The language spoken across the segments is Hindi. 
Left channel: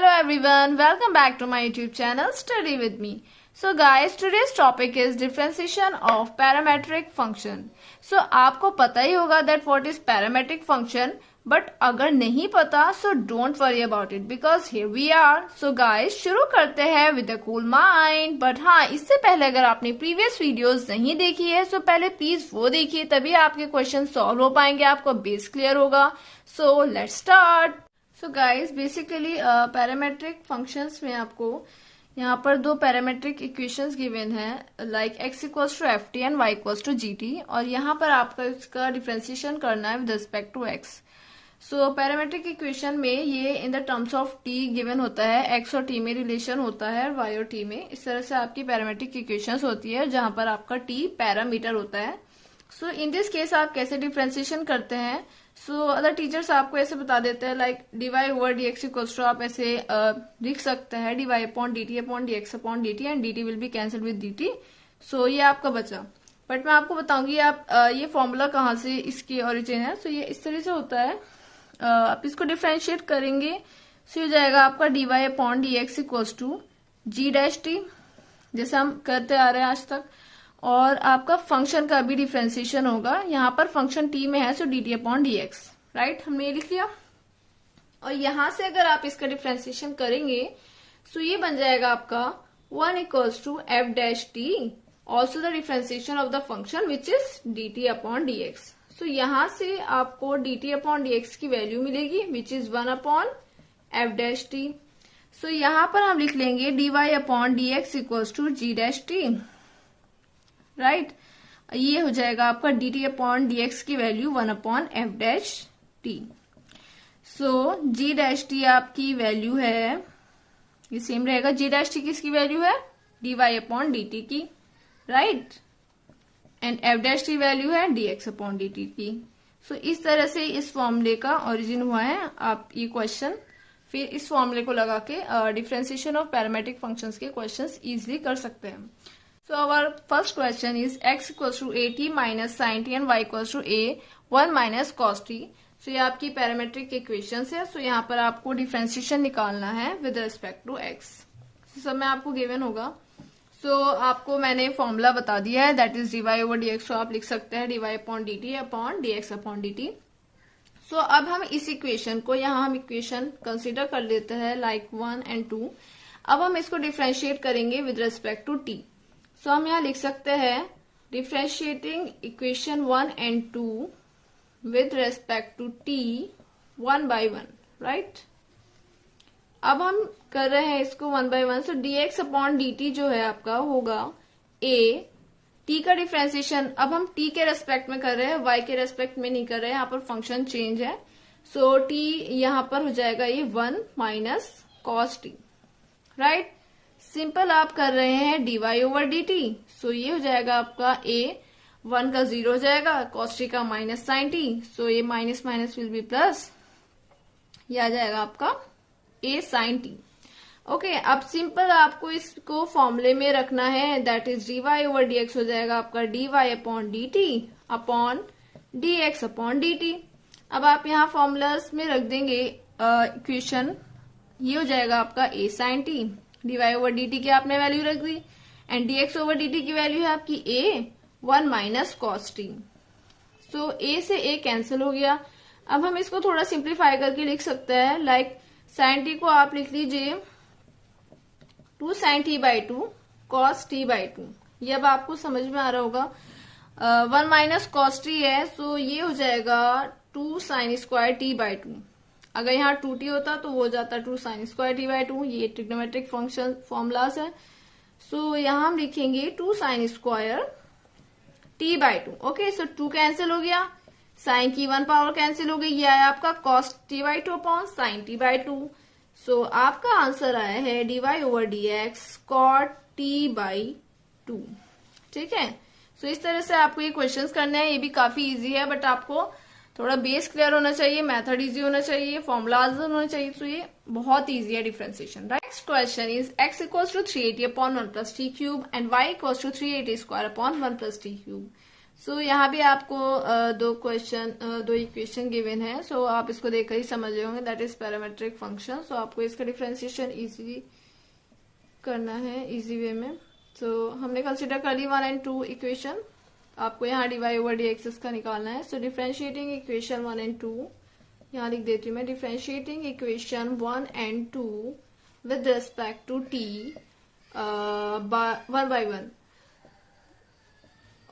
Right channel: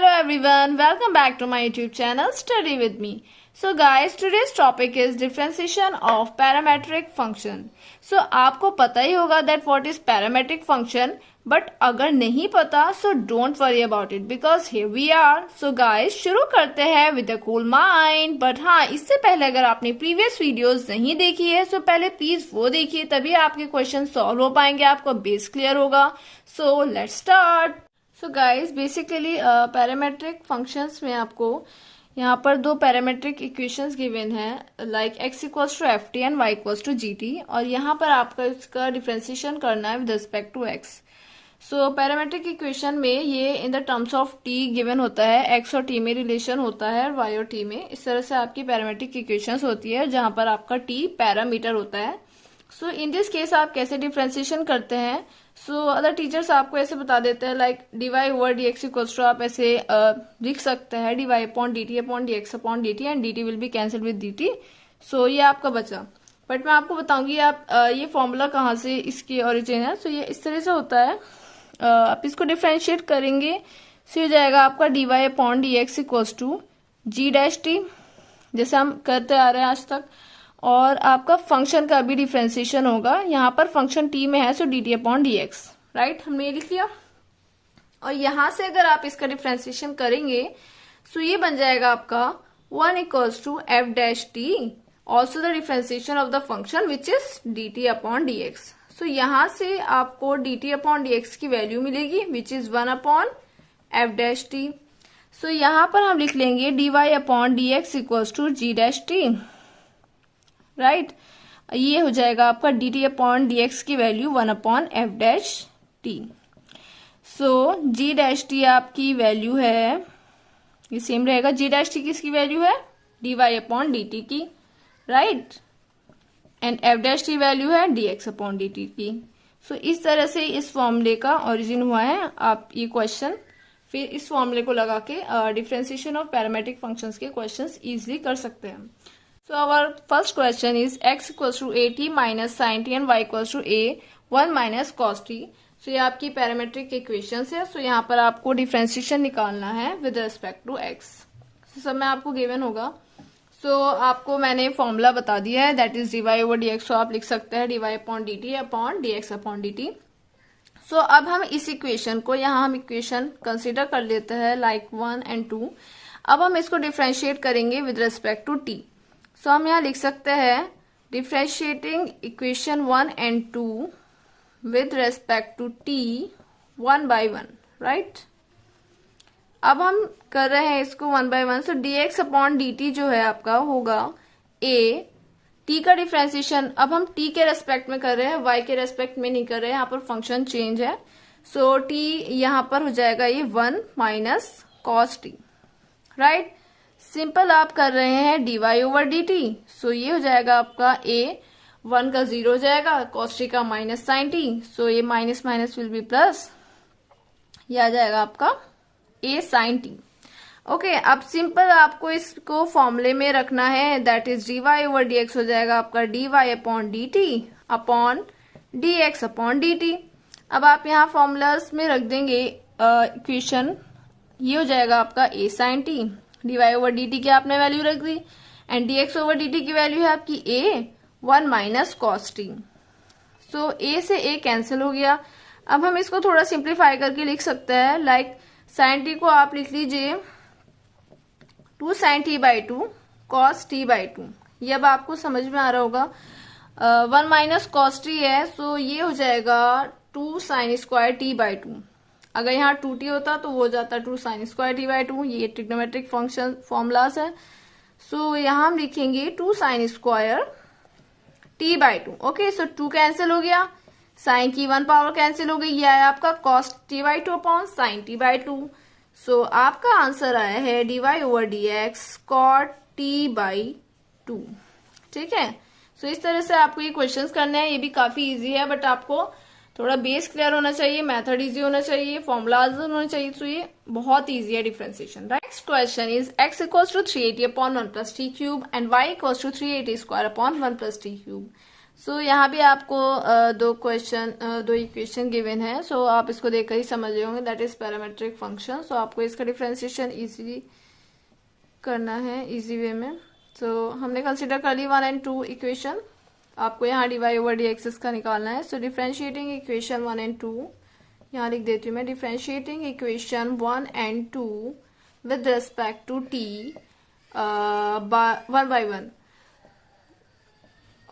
Hello everyone, welcome back to my YouTube channel Study with me. So guys, today's topic is differentiation of parametric function. So आपको पता ही होगा that what is parametric function, but अगर नहीं पता so don't worry about it because here we are. So guys, शुरू करते हैं with a cool mind. But हाँ, इससे पहले अगर आपने previous videos नहीं देखी है so पहले प्लीज वो देखिए, तभी आपके क्वेश्चन सॉल्व हो पाएंगे, आपको बेस क्लियर होगा. So let's start. So guys basically parametric functions में आपको यहाँ पर दो पैरामेट्रिक इक्वेशंस गिवन है like x equals to F T and y equals to G T, और यहाँ पर आपका इसका डिफ्रेंसिएशन करना है with respect to x. So parametric equation में ये in the terms of t given होता है, x और t में रिलेशन होता है और y और t में. इस तरह से आपकी पैरामेट्रिक इक्वेशंस होती है जहां पर आपका t पैरामीटर होता है. सो इन दिस केस आप कैसे डिफ्रेंसिएशन करते हैं, सो अदर टीचर्स आपको ऐसे बता देते हैं like dy over dx equals to, आप ऐसे लिख सकते हैं dy upon dt upon dx upon dt and dt will be cancel with dt. So ये आपका बचा. बट मैं आपको बताऊंगी आप ये फॉर्मूला कहाँ से इसकी ओरिजिन है. सो ये इस तरह से होता है, आप इसको डिफ्रेंशिएट करेंगे सो ये जाएगा आपका dy upon dx equals to g dash t, जैसे हम करते आ रहे हैं आज तक. और आपका फंक्शन का भी डिफ्रेंसिएशन होगा, यहाँ पर फंक्शन t में है सो dt अपॉन dx, राइट, हमने ये लिख लिया. और यहां से अगर आप इसका डिफ्रेंसिएशन करेंगे सो ये बन जाएगा आपका 1 equals to F dash T, also the differentiation of the function which is dt upon dx. So यहां से आपको dt अपॉन dx की वैल्यू मिलेगी which is 1 upon F dash T. So यहां पर हम लिख लेंगे dy upon dx equals to g dash T, right. ये हो जाएगा आपका dt अपॉन dx की value 1 upon F dash T. So g dash T आपकी वैल्यू है, ये सेम रहेगा, g डैश टी किसकी वैल्यू है dy अपॉन dt की, right, and F dash T value है dx अपॉन dt की. सो इस तरह से इस फॉर्मूले का ओरिजिन हुआ है. आप ये क्वेश्चन फिर इस फॉर्मूले को लगा के डिफरेंशिएशन ऑफ पैरामेट्रिक फंक्शंस के क्वेश्चंस इजीली कर सकते हैं. So our first question is x equals to at minus sin t and y equals to a 1 minus cos t. So ये आपकी पैरामेट्रिक इक्वेशंस है. So यहाँ पर आपको डिफरेंशिएशन निकालना है with respect to x. So सब में आपको गिवन होगा. So आपको मैंने फॉर्मूला बता दिया है, that is dy over dx. So आप लिख सकते हैं dy upon dt upon dx upon dt. So अब हम इस इक्वेशन को, यहाँ हम इक्वेशन कंसिडर कर लेते हैं लाइक 1 एंड 2. अब हम इसको डिफरेंशिएट करेंगे with respect to t. So हम यहाँ लिख सकते हैं differentiating equation 1 and 2 with respect to t 1 by 1, right. अब हम कर रहे हैं इसको 1 by 1. So dx upon dt जो है आपका होगा a, t का डिफ्रेंशिएशन अब हम t के रेस्पेक्ट में कर रहे हैं, y के रेस्पेक्ट में नहीं कर रहे हैं, यहाँ पर फंक्शन चेंज है. सो t यहाँ पर हो जाएगा ये 1 minus cos t, right. Simple आप कर रहे हैं dy ओवर dt. सो ये हो जाएगा आपका a, 1 का 0 हो जाएगा, cos t का माइनस साइन t. सो ये minus minus will be plus, ये आ जाएगा आपका a साइन t. ओके, अब सिंपल आपको इसको फॉर्मूले में रखना है, that is dy over dx हो जाएगा आपका dy upon dt upon dx upon dt. अब आप यहाँ फॉर्मूलाज में रख देंगे इक्वेशन, ये हो जाएगा आपका a sine t, dy over dt की आपने वैल्यू रख दी एंड dx ओवर dt की वैल्यू है आपकी a 1 minus cos t. So a से a कैंसिल हो गया. अब हम इसको थोड़ा सिंप्लीफाई करके लिख सकते हैं लाइक साइन t को आप लिख लीजिए 2 sine t by 2 cos t by 2. ये अब आपको समझ में आ रहा होगा. 1 माइनस कॉस t है, सो ये हो जाएगा 2 साइन स्क्वायर t बाई 2. अगर यहाँ 2t होता तो वो हो जाता 2 साइन स्क्वायर t बाई 2. ये ट्रिग्नोमेट्रिक फंक्शन फॉर्मूलाज है. सो यहाँ हम लिखेंगे 2 sine square t by 2. Okay, so 2 cancel हो गया, साइन की 1 पावर कैंसिल हो गई, ये आया आपका cos t by 2 upon sine t by 2. सो आपका आंसर आया है dy over dx cot t by 2. ठीक है. सो इस तरह से आपको ये क्वेश्चंस करने हैं. ये भी काफी इजी है, बट आपको थोड़ा बेस क्लियर होना चाहिए, मेथड इजी होना चाहिए, फॉर्मूलाज होना चाहिए. तो ये बहुत इजी है differentiation. Next question is x equals to 380 upon 1 plus T cube and y equals to 380 square upon 1 plus T cube. So यहाँ भी आपको दो इक्वेशन गिवन है. सो आप इसको देखकर ही समझ रहे होंगे दैट इज पैरामेट्रिक फंक्शन. सो आपको इसका डिफरेंशिएशन इजीली करना है इजी वे में. सो हमने कंसिडर कर ली 1 and 2 इक्वेशन. आपको यहाँ dy over dx इसका निकालना है. सो डिफरेंशिएटिंग इक्वेशन 1 and 2 यहाँ लिख देती हूँ मैं. Differentiating equation 1 and 2 with respect to t 1 by 1.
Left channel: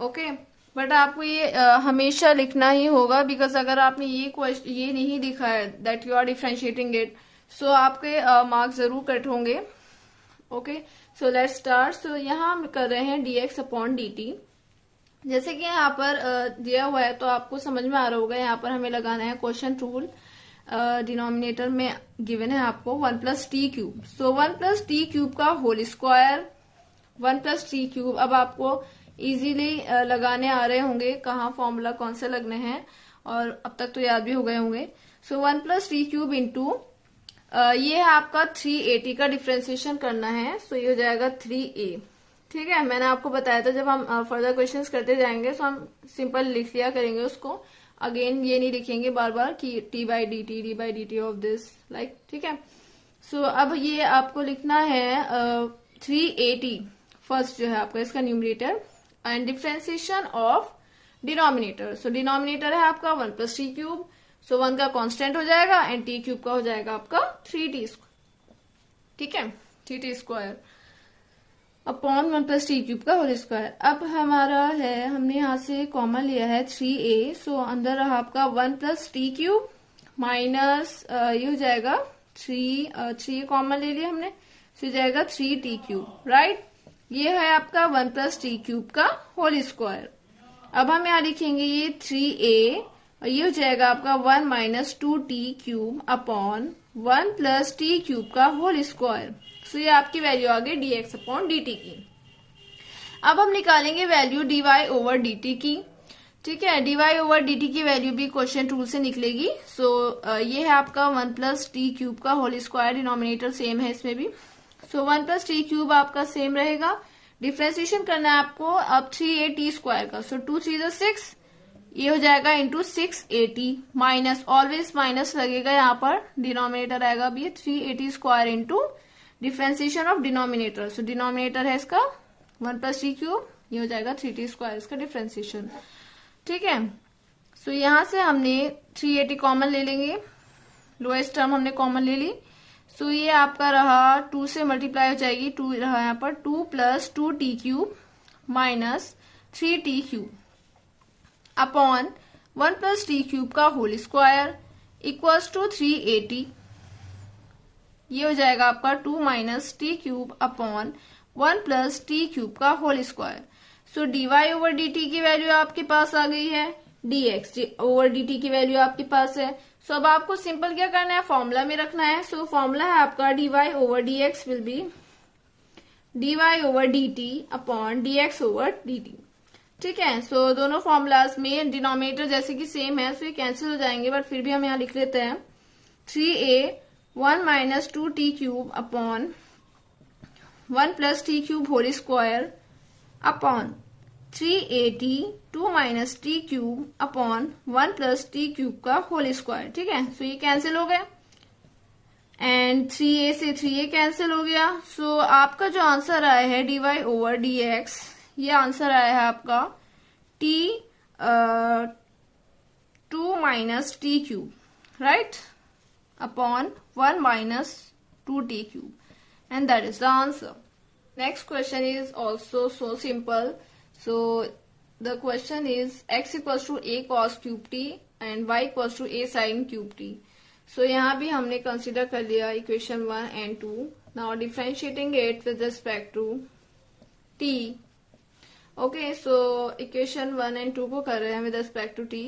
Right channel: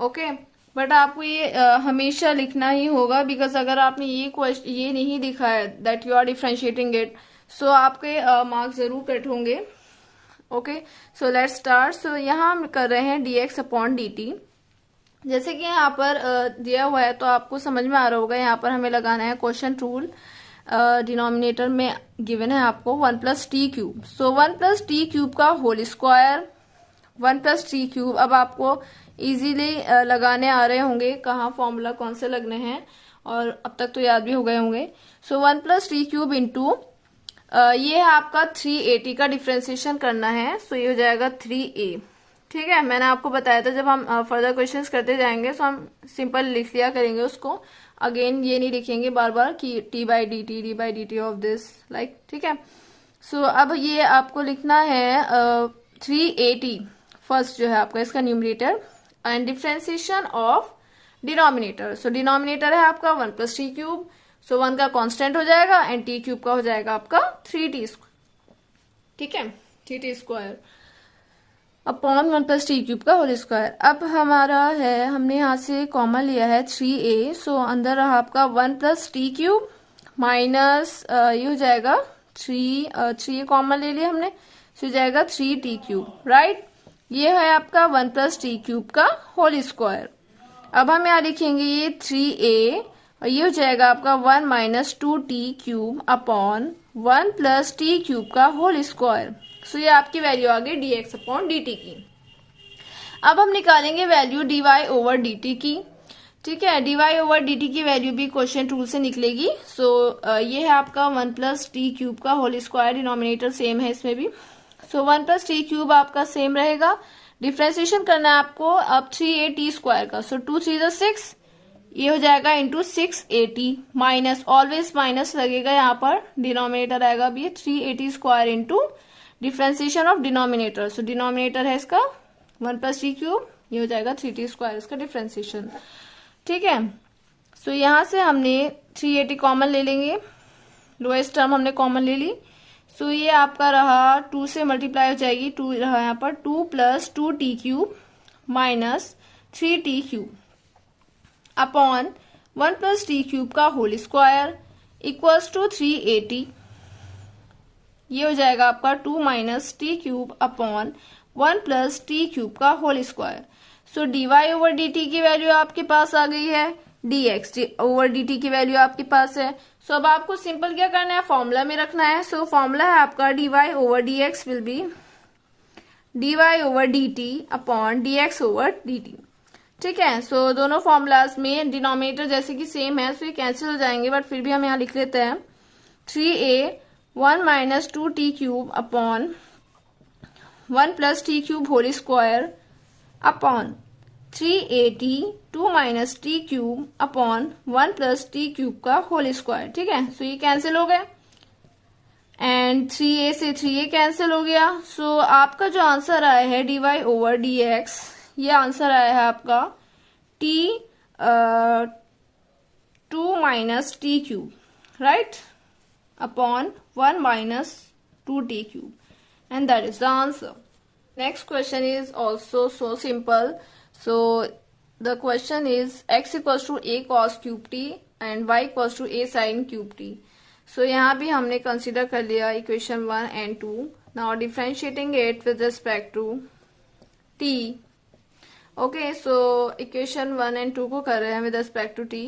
Okay, but आपको ये हमेशा लिखना ही होगा, बिकॉज अगर आपने ये नहीं लिखा है that you are differentiating it, so आपके मार्क्स जरूर कट होंगे. Okay, so let's start. So यहाँ हम कर रहे हैं dx अपॉन dt. जैसे कि यहाँ पर दिया हुआ है तो आपको समझ में आ रहा होगा. यहाँ पर हमें लगाना है क्वोशिएंट रूल. डिनोमिनेटर में गिवन है आपको 1 plus T cube. So 1 plus T cube का whole square 1 plus T cube. अब आपको इजीली लगाने आ रहे होंगे कहाँ फॉर्मूला कौन से लगने हैं, और अब तक तो याद भी हो गए होंगे. सो 1 प्लस टी क्यूब इंटू ये है आपका 380 का डिफ्रेंसिएशन करना है. सो ये हो जाएगा 3a. ठीक है, मैंने आपको बताया था जब हम फर्दर क्वेश्चंस करते जाएंगे तो हम सिंपल लिख लिया करेंगे उसको. अगेन ये नहीं लिखेंगे बार बार कि T by D T of this like. ठीक है, सो अब ये आपको लिखना है 380 फर्स्ट जो है आपका इसका numerator and differentiation of denominator. So denominator है आपका 1 प्लस टी क्यूब. सो 1 का कांस्टेंट हो जाएगा एंड टी क्यूब का हो जाएगा आपका 3t. ठीक है, 3t square upon 1 plus T cube का होल स्क्वायर. अब हमारा है हमने यहाँ से कॉमन लिया है 3a. सो अंदर रहा आपका 1 प्लस टी क्यूब माइनस ये हो जाएगा 3 कॉमन ले लिया हमने. सो हो जाएगा 3t क्यूब. राइट, ये है आपका 1 प्लस टी क्यूब का होल स्क्वायर. अब हम यहाँ लिखेंगे ये 3a और ये हो जाएगा आपका 1 minus 2t cube upon 1 plus T cube का होल स्क्वायर. सो ये आपकी वैल्यू आ गई dx अपॉन dt की. अब हम निकालेंगे वैल्यू dy ओवर dt की. ठीक है, dy ओवर dt की वैल्यू भी क्वोशिएंट रूल से निकलेगी. सो ये है आपका 1 प्लस टी क्यूब का होल स्क्वायर. डिनोमिनेटर सेम है इसमें भी. सो 1 प्लस टी क्यूब आपका सेम रहेगा. डिफ्रेंसिएशन करना है आपको अब 3a स्क्वायर का. सो 2 3 6 ये हो जाएगा इंटू 680 माइनस ऑलवेज माइनस लगेगा यहाँ पर. डिनोमिनेटर आएगा अब ये 380 square into differentiation of denominator. So denominator है इसका 1 प्लस टी क्यूब, ये हो जाएगा 3t स्क्वायर इसका डिफ्रेंसिएशन. ठीक है, सो यहाँ से हमने 380 कॉमन ले लेंगे. लोएस्ट टर्म हमने कॉमन ले ली. सो ये आपका रहा 2 से मल्टीप्लाई हो जाएगी. 2 रहा यहाँ पर 2 plus 2t cube minus 3t cube upon 1 plus T cube का होल स्क्वायर इक्वल्स टू 380. ये हो जाएगा आपका 2 minus T cube upon 1 plus T cube का होल स्क्वायर. सो dy ओवर dt की वैल्यू आपके पास आ गई है. dx ओवर dt की वैल्यू आपके पास है. सो अब आपको सिंपल क्या करना है, फॉर्मूला में रखना है. सो फॉर्मूला है आपका dy over dx will be dy over dt upon dx over dt. ठीक है, सो दोनों फॉर्मूलाज में डिनोमिनेटर जैसे कि सेम है, सो ये कैंसिल हो जाएंगे, बट फिर भी हम यहाँ लिख लेते हैं 3a 1 minus 2t cube upon 1 plus T cube whole square upon 380 2 minus T cube upon 1 plus T cube का होल स्क्वायर. ठीक है, सो ये कैंसिल हो गए एंड 3a से 3a कैंसिल हो गया. सो आपका जो आंसर आया है dy ओवर dx, ये आंसर आया है आपका t 2 minus T cube right upon 1 minus 2t cube, and that is the answer. Next question is also so simple. So the question is x equals to a cos cube t and y equals to a sin cube t. So यहाँ भी हमने consider कर लिया equation 1 and 2. Now differentiating it with respect to t. Okay, so equation 1 and 2 को कर रहे हैं with respect to t.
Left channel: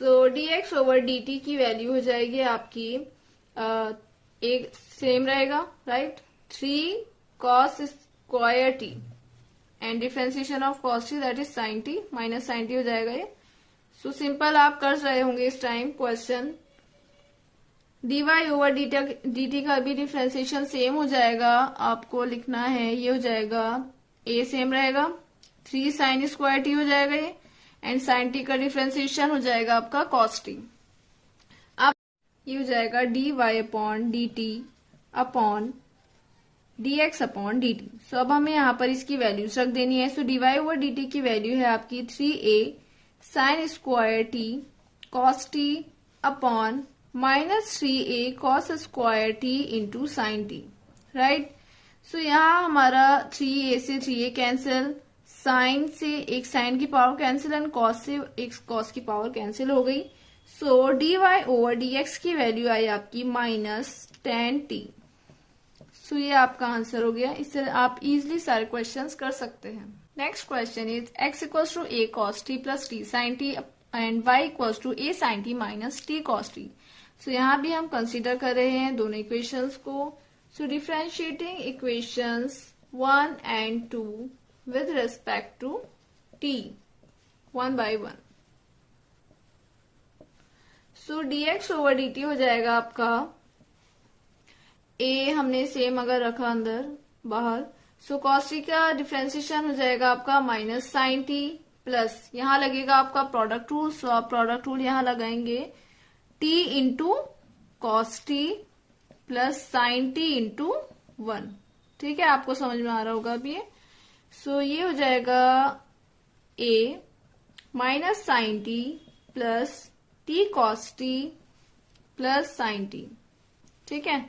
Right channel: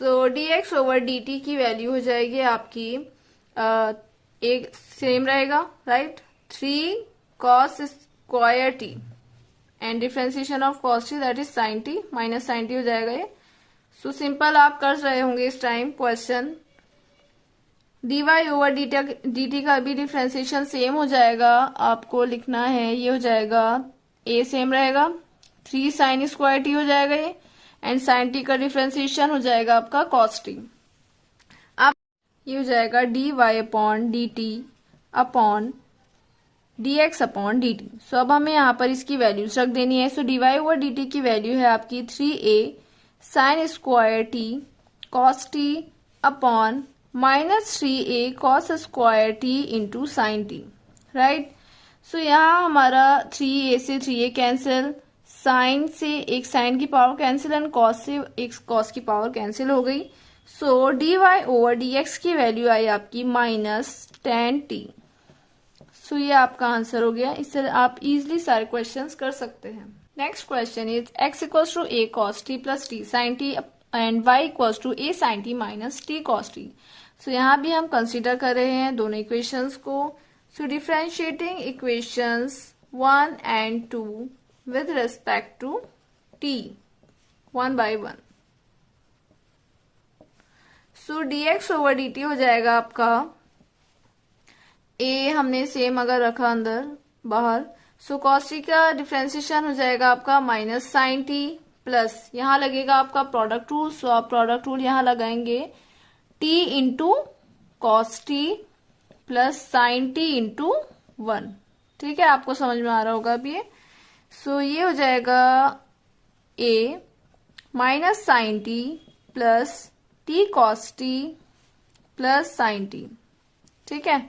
So dx over dt की वैल्यू हो जाएगी आपकी एक सेम रहेगा right 3 cos square T and differentiation of cos T that is sin t minus sin t हो जाएगा ये. सो सिंपल आप कर रहे होंगे इस time question. dy over dt का भी डिफरेंशिएशन सेम हो जाएगा. आपको लिखना है ये हो जाएगा a सेम रहेगा 3 sin स्क्वायर टी हो जाएगा ये एंड साइन टी का डिफ्रेंसिएशन हो जाएगा आपका कॉस टी। अब ये हो जाएगा dy upon D T upon dx upon dt। So अब हमें यहाँ पर इसकी वैल्यूज रख देनी है। सो dy ओवर dt की वैल्यू है आपकी 3a sine square T cos T upon minus 3a cos square T into sine T, right. So यहाँ हमारा 3a से 3a कैंसिल, साइन से एक साइन की पावर कैंसिल एंड कॉस से एक कॉस की पावर कैंसिल हो गई। सो dy ओवर dx की वैल्यू आई आपकी माइनस 10t। सो ये आपका आंसर हो गया। इससे आप इजिली सारे क्वेश्चंस कर सकते हैं। Next question is x equals to a cos t plus t sin t and y equals to a sin t minus t cos t। So यहाँ भी हम कंसीडर कर रहे हैं दोनों इक्वेशंस को। So differentiating equations 1 and 2 with respect to t 1 by 1। So dx over dt हो जाएगा आपका a हमने सेम अगर रखा अंदर बाहर, सो cos t का डिफ्रेंसिएशन हो जाएगा आपका माइनस साइन टी प्लस यहाँ लगेगा आपका प्रोडक्ट रूल। सो आप प्रोडक्ट रूल यहाँ लगाएंगे t into cos T plus sine T into 1। ठीक है, आपको समझ में आ रहा होगा अभी ये। सो ये हो जाएगा a minus sine T plus T cos T plus sine T. ठीक है,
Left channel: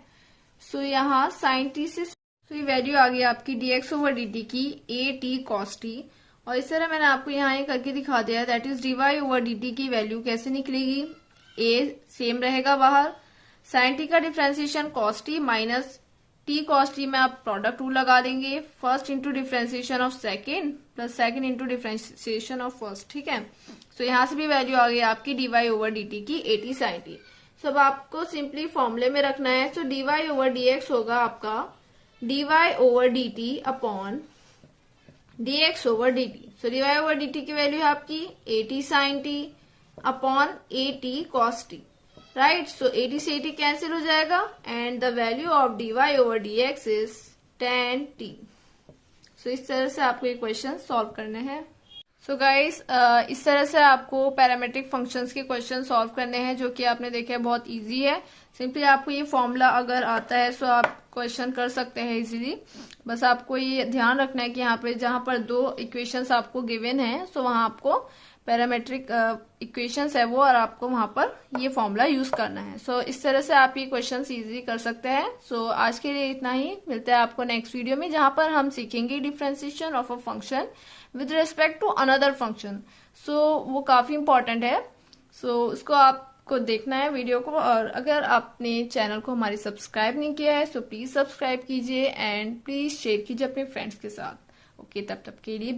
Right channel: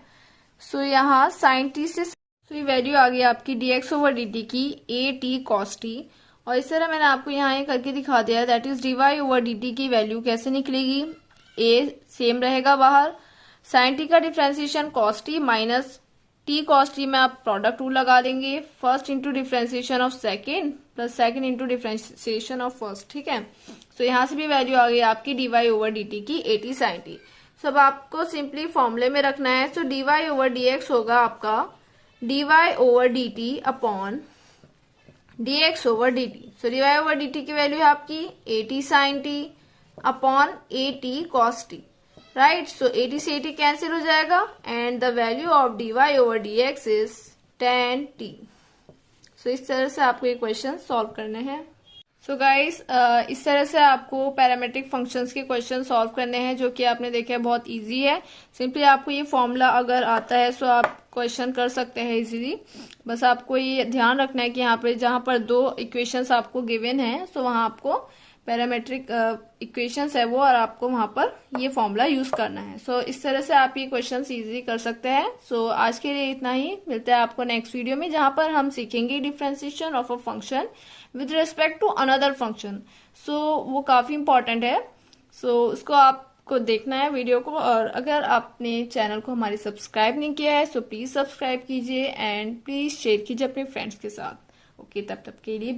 सो यहाँ साइन टी से ये वैल्यू आ गई आपकी dx ओवर dt की a t cos t। और इस तरह मैंने आपको यहाँ ये करके दिखा दिया, that is dy over dt की वैल्यू कैसे निकलेगी। a सेम रहेगा बाहर, साइन t का differentiation cos t minus t cos t में आप प्रोडक्ट रूल लगा देंगे, first into differentiation of second plus second into differentiation of first. ठीक है, सो यहाँ से भी वैल्यू आ गई आपकी dy ओवर dt की a t sin t। सब आपको सिंपली फॉर्मूले में रखना है। सो dy ओवर dx होगा आपका dy over dt upon dx over dt। सो dy ओवर dt की वैल्यू है आपकी at sin t upon at cos t, right. So at से at कैंसिल हो जाएगा and the value of dy over dx is 10t। सो इस तरह से आपको ये क्वेश्चन सॉल्व करने हैं। सो गाइस इस तरह से आपको पैरामेट्रिक फंक्शंस के क्वेश्चन सॉल्व करने हैं, जो कि आपने देखा है बहुत इजी है। सिंपली आपको ये फॉर्मूला अगर आता है सो आप क्वेश्चन कर सकते हैं इजीली। बस आपको ये ध्यान रखना है कि यहाँ पे जहां पर दो इक्वेशंस आपको गिवन है सो वहां आपको पैरामेट्रिक इक्वेशंस है वो, और आपको वहां पर ये फॉर्मूला यूज करना है। सो इस तरह से आप ये क्वेश्चंस इजीली कर सकते हैं। सो आज के लिए इतना ही, मिलते हैं आपको नेक्स्ट वीडियो में जहां पर हम सीखेंगे differentiation of a function with respect to another function. So वो काफी इंपॉर्टेंट है। सो उसको आपको देखना है वीडियो को, और अगर आपने चैनल को हमारी सब्सक्राइब नहीं किया है सो प्लीज सब्सक्राइब कीजिए एंड प्लीज शेयर कीजिए अपने फ्रेंड्स के साथ। ओके, तब तक के लिए